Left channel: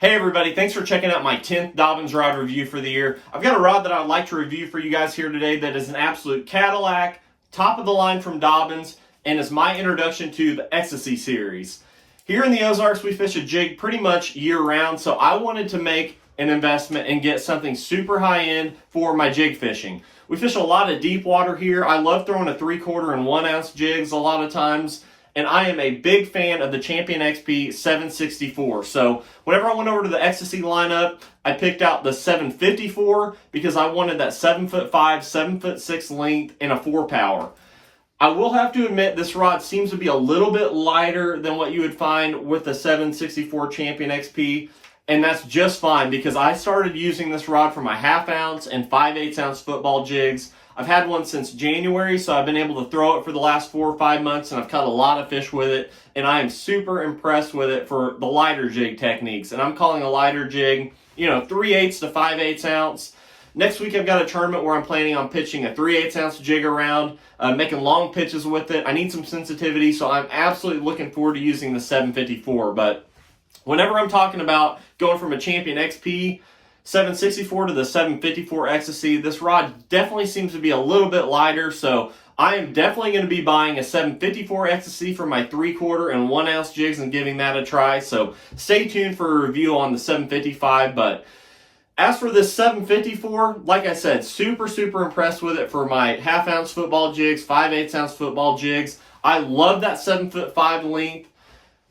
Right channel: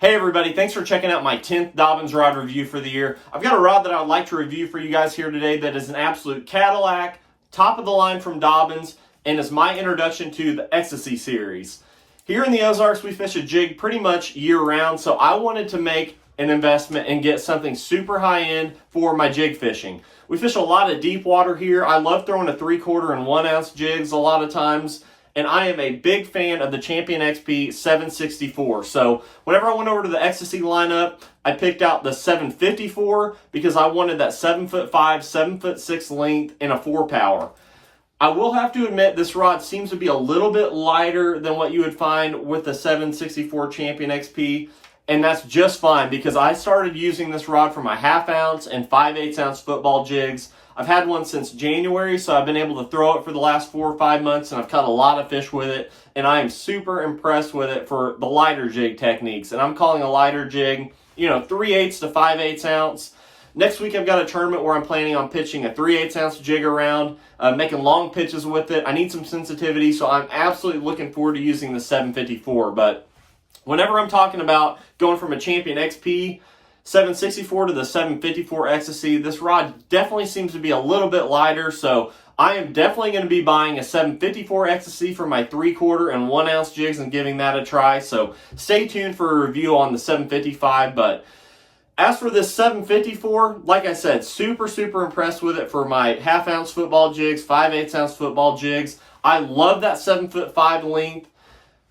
Hey everybody, thanks for checking out my 10th Dobyns rod review for the year. I've got a rod that I'd like to review for you guys here today that is an absolute Cadillac, top of the line from Dobyns, and is my introduction to the Xtasy series. Here in the Ozarks, we fish a jig pretty much year round, so I wanted to make an investment and get something super high end for my jig fishing. We fish a lot of deep water here. I love throwing a 3/4 and 1 ounce jigs a lot of times. And I am a big fan of the Champion XP 764. So whenever I went over to the Xtasy lineup, I picked out the 754 because I wanted that 7'5", 7'6" length and a 4-power. I will have to admit this rod seems to be a little bit lighter than what you would find with the 764 Champion XP. And that's just fine because I started using this rod for my 1/2 ounce and 5/8 ounce football jigs. I've had one since January, so I've been able to throw it for the last 4 or 5 months, and I've caught a lot of fish with it, and I am super impressed with it for the lighter jig techniques. And I'm calling a lighter jig, 3/8 to 5/8 ounce. Next week, I've got a tournament where I'm planning on pitching a 3/8 ounce jig around, making long pitches with it. I need some sensitivity, so I'm absolutely looking forward to using the 754. But whenever I'm talking about going from a Champion XP 764 to the 754 Xtasy, this rod definitely seems to be a little bit lighter, so I am definitely going to be buying a 754 Xtasy for my 3/4 and 1 ounce jigs and giving that a try. So stay tuned for a review on the 755. But as for this 754, like I said, super impressed with it for my 1/2 ounce football jigs, 5/8 ounce football jigs. I love that 7'5" length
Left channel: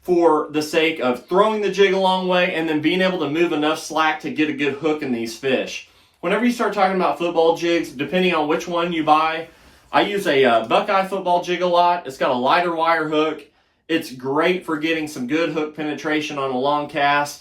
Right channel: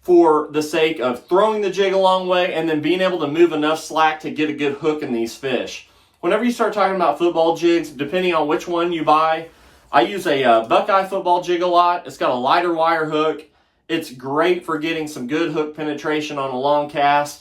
for the sake of throwing the jig a long way and then being able to move enough slack to get a good hook in these fish. Whenever you start talking about football jigs, depending on which one you buy, I use a Buckeye football jig a lot. It's got a lighter wire hook. It's great for getting some good hook penetration on a long cast.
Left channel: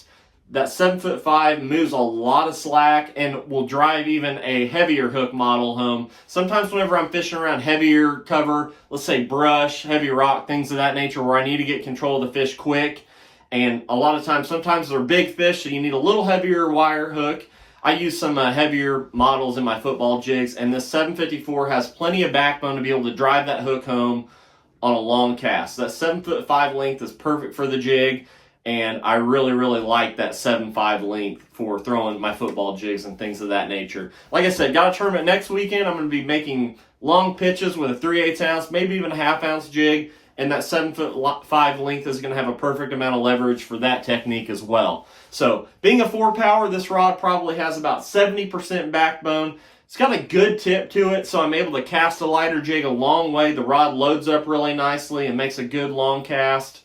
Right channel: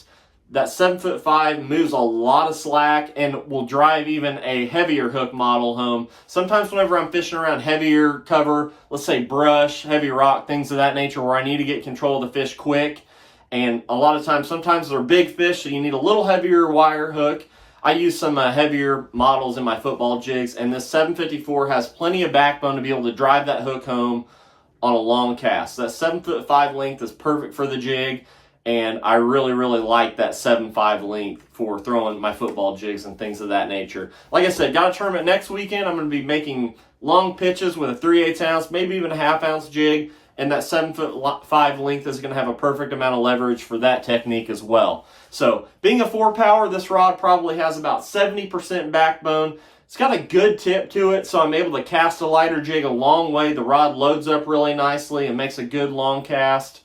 That 7'5" moves a lot of slack and will drive even a heavier hook model home. Sometimes whenever I'm fishing around heavier cover, let's say brush, heavy rock, things of that nature where I need to get control of the fish quick, and a lot of times, sometimes they're big fish, so you need a little heavier wire hook. I use some heavier models in my football jigs, and this 754 has plenty of backbone to be able to drive that hook home on a long cast. That 7'5" length is perfect for the jig. And I really like that 7'5" length for throwing my football jigs and things of that nature. Like I said, got a tournament next weekend. I'm going to be making long pitches with a 3/8 ounce, maybe even a 1/2 ounce jig. And that 7'5" length is going to have a perfect amount of leverage for that technique as well. So being a 4-power, this rod probably has about 70% backbone. It's got a good tip to it, so I'm able to cast the lighter jig a long way. The rod loads up really nicely and makes a good long cast.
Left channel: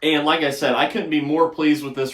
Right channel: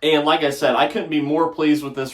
And like I said, I couldn't be more pleased with this